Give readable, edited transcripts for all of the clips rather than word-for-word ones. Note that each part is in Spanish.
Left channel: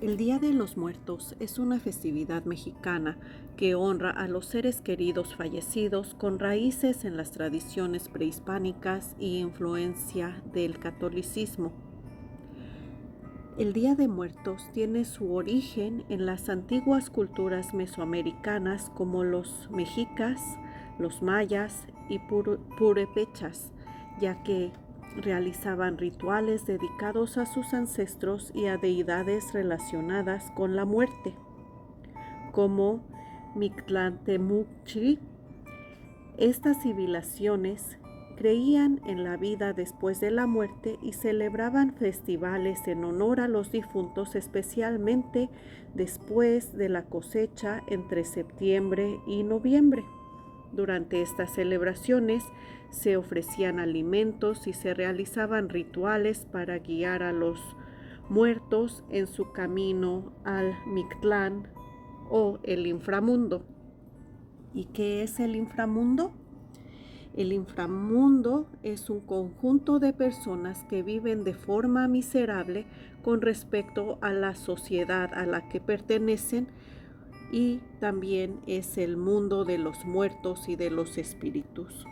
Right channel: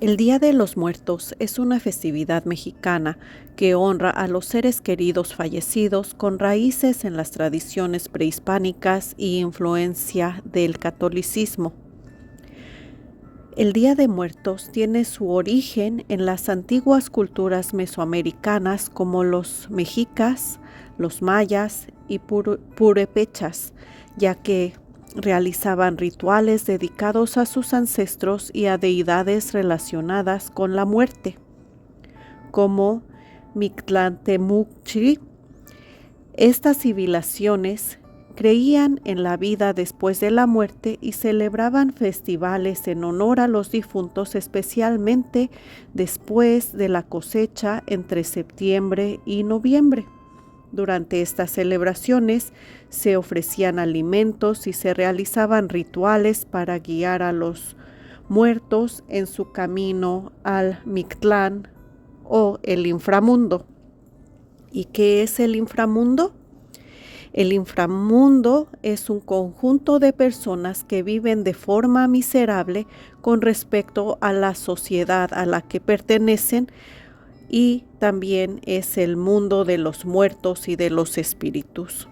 El Día de los Muertos es una festividad mexicana que honra a los seres queridos fallecidos con raíces en las tradiciones prehispánicas y influencia del catolicismo. El Día de Muertos tiene su origen en las antiguas culturas mesoamericanas como los mexicas, los mayas y purépechas, ya que realizaban rituales dedicados a sus ancestros y a deidades relacionadas con la muerte, como Mictlantemuctli. Estas civilizaciones creían en la vida después de la muerte y celebraban festivales en honor a los difuntos, especialmente después de la cosecha entre septiembre y noviembre. Durante estas celebraciones se ofrecían alimentos y se realizaban rituales para guiar a los muertos en su camino al Mictlán o el inframundo. ¿Y qué es el inframundo? El inframundo es un conjunto de personas que viven de forma miserable con respecto a la sociedad a la que pertenecen, y también es el mundo de los muertos y de los espíritus.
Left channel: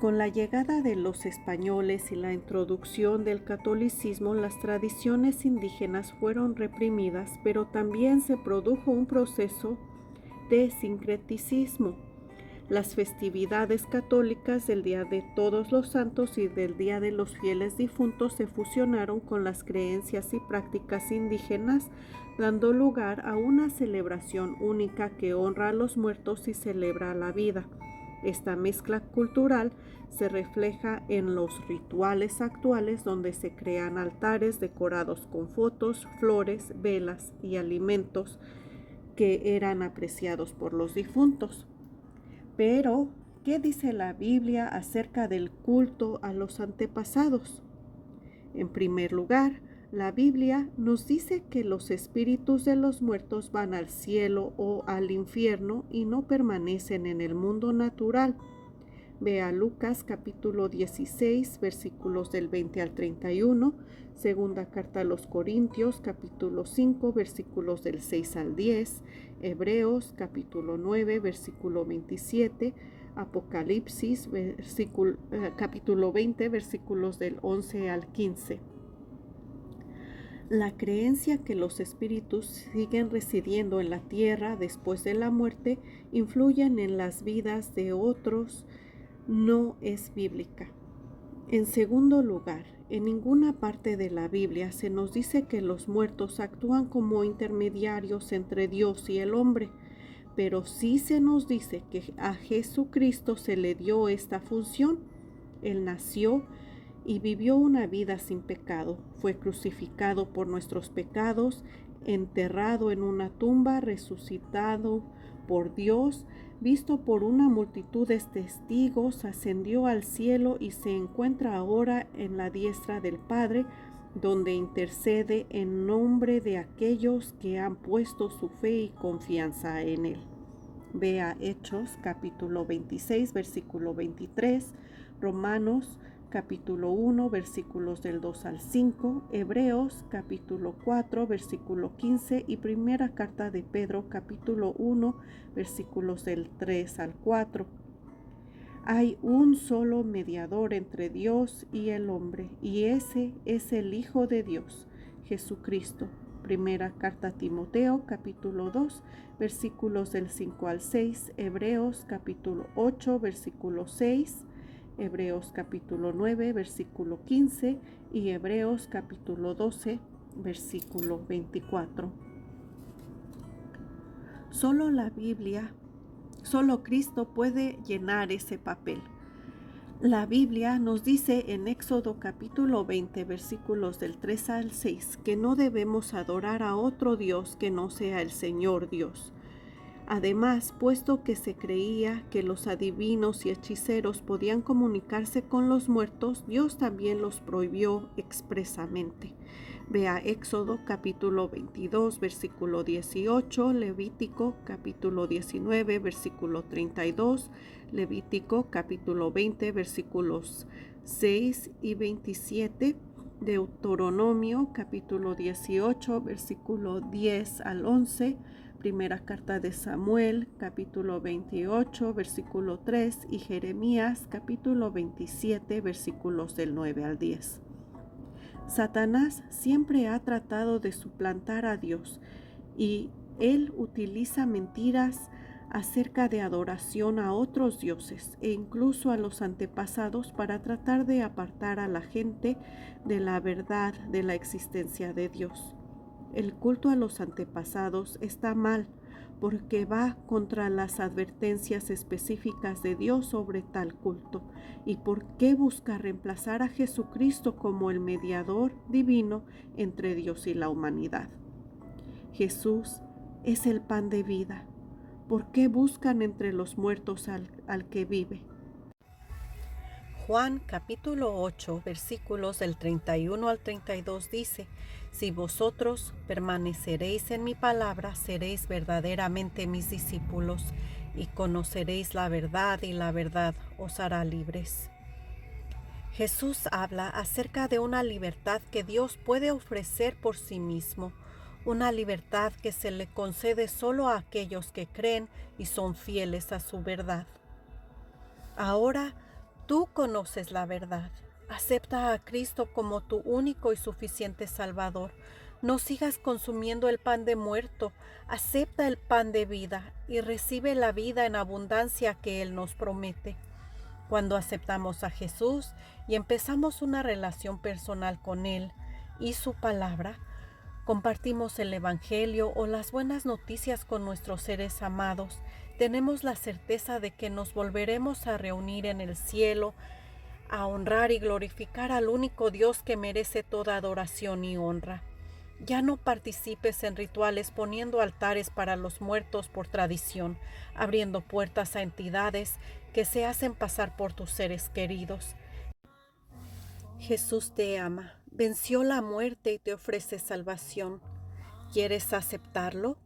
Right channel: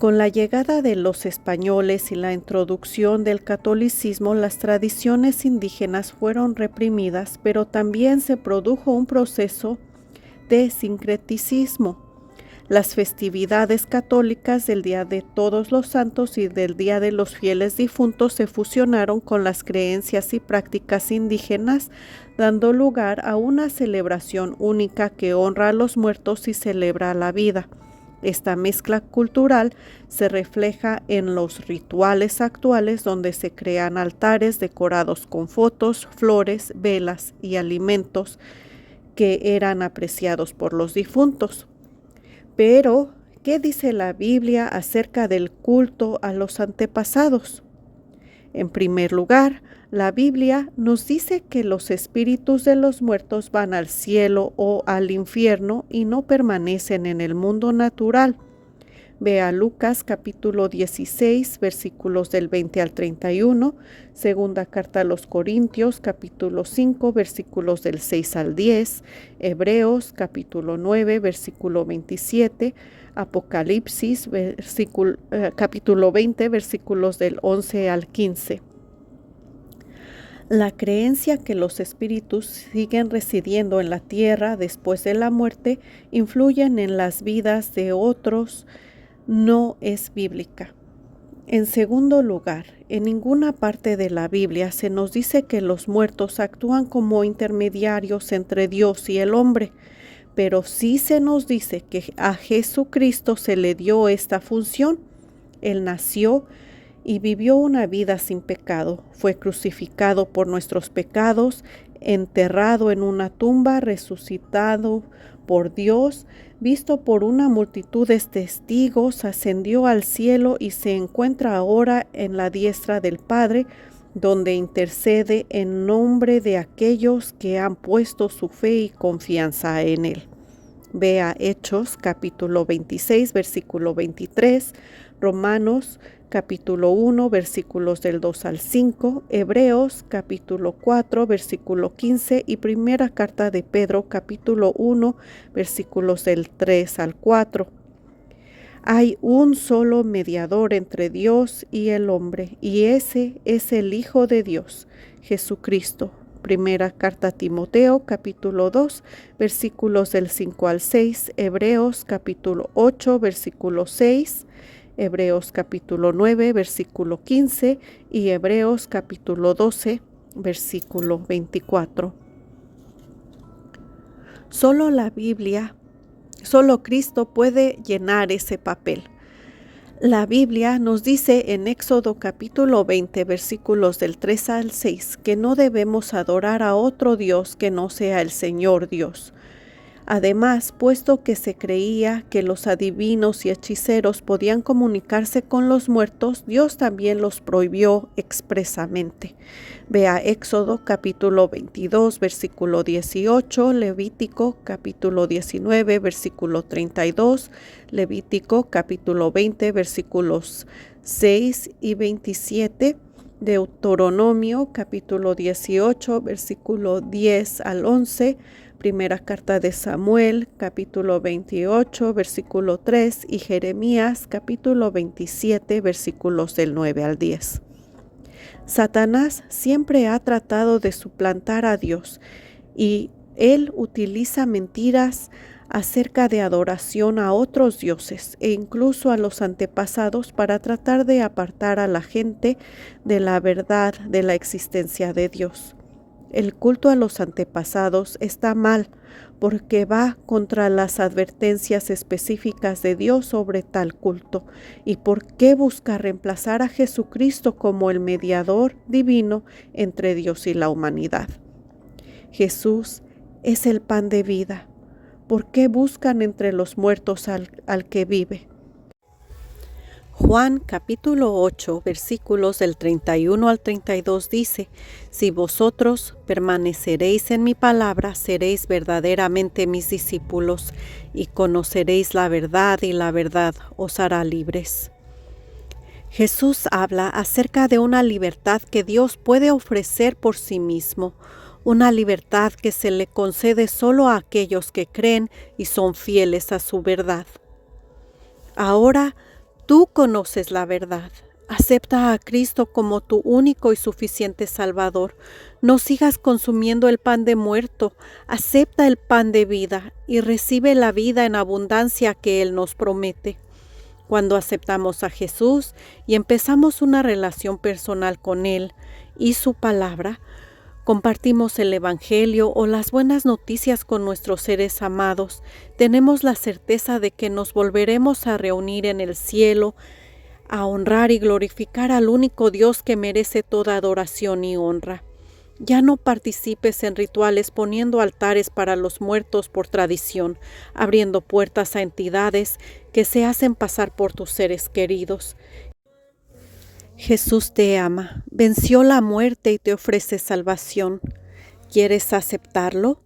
Con la llegada de los españoles y la introducción del catolicismo, las tradiciones indígenas fueron reprimidas, pero también se produjo un proceso de sincretismo. Las festividades católicas del Día de Todos los Santos y del Día de los Fieles Difuntos se fusionaron con las creencias y prácticas indígenas, dando lugar a una celebración única que honra a los muertos y celebra la vida. Esta mezcla cultural se refleja en los rituales actuales, donde se crean altares decorados con fotos, flores, velas y alimentos que eran apreciados por los difuntos. Pero, ¿qué dice la Biblia acerca del culto a los antepasados? En primer lugar, la Biblia nos dice que los espíritus de los muertos van al cielo o al infierno y no permanecen en el mundo natural. Vea Lucas capítulo 16, versículos del 20 al 31, segunda carta a los Corintios capítulo 5, versículos del 6 al 10, Hebreos capítulo 9, versículo 27, Apocalipsis capítulo 20, versículos del 11 al 15. La creencia que los espíritus siguen residiendo en la tierra después de la muerte influyen en las vidas de otros no es bíblica. En segundo lugar, en ninguna parte de la Biblia se nos dice que los muertos actúan como intermediarios entre Dios y el hombre, pero sí se nos dice que a Jesucristo se le dio esta función. Él nació y vivió una vida sin pecado, fue crucificado por nuestros pecados, enterrado en una tumba, resucitado por Dios, visto por una multitud de testigos, ascendió al cielo y se encuentra ahora en la diestra del Padre, donde intercede en nombre de aquellos que han puesto su fe y confianza en Él. Vea Hechos capítulo 26, versículo 23, Romanos capítulo 1, versículos del 2 al 5, Hebreos capítulo 4, versículo 15 y primera carta de Pedro capítulo 1, versículos del 3 al 4. Hay un solo mediador entre Dios y el hombre, y ese es el Hijo de Dios, Jesucristo. Primera carta a Timoteo, capítulo 2, versículos del 5 al 6, Hebreos capítulo 8, versículo 6, Hebreos capítulo 9, versículo 15 y Hebreos capítulo 12, versículo 24. Solo la Biblia, solo Cristo puede llenar ese papel. La Biblia nos dice en Éxodo capítulo 20, versículos del 3 al 6, que no debemos adorar a otro Dios que no sea el Señor Dios. Además, puesto que se creía que los adivinos y hechiceros podían comunicarse con los muertos, Dios también los prohibió expresamente. Vea Éxodo capítulo 22, versículo 18, Levítico capítulo 19, versículo 32, Levítico capítulo 20, versículos 6 y 27, Deuteronomio capítulo 18, versículo 10 al 11, Primera carta de Samuel capítulo 28, versículo 3 y Jeremías capítulo 27, versículos del 9 al 10. Satanás siempre ha tratado de suplantar a Dios y él utiliza mentiras acerca de adoración a otros dioses e incluso a los antepasados para tratar de apartar a la gente de la verdad de la existencia de Dios. El culto a los antepasados está mal porque va contra las advertencias específicas de Dios sobre tal culto. ¿Y por qué busca reemplazar a Jesucristo como el mediador divino entre Dios y la humanidad? Jesús es el pan de vida. ¿Por qué buscan entre los muertos al que vive? Juan capítulo 8, versículos del 31 al 32 dice: Si vosotros permaneceréis en mi palabra, seréis verdaderamente mis discípulos, y conoceréis la verdad, y la verdad os hará libres. Jesús habla acerca de una libertad que Dios puede ofrecer por sí mismo, una libertad que se le concede solo a aquellos que creen y son fieles a su verdad. Ahora tú conoces la verdad. Acepta a Cristo como tu único y suficiente Salvador. No sigas consumiendo el pan de muerto. Acepta el pan de vida y recibe la vida en abundancia que Él nos promete. Cuando aceptamos a Jesús y empezamos una relación personal con Él y su palabra, compartimos el Evangelio o las buenas noticias con nuestros seres amados, tenemos la certeza de que nos volveremos a reunir en el cielo, a honrar y glorificar al único Dios que merece toda adoración y honra. Ya no participes en rituales poniendo altares para los muertos por tradición, abriendo puertas a entidades que se hacen pasar por tus seres queridos. Jesús te ama, venció la muerte y te ofrece salvación. ¿Quieres aceptarlo?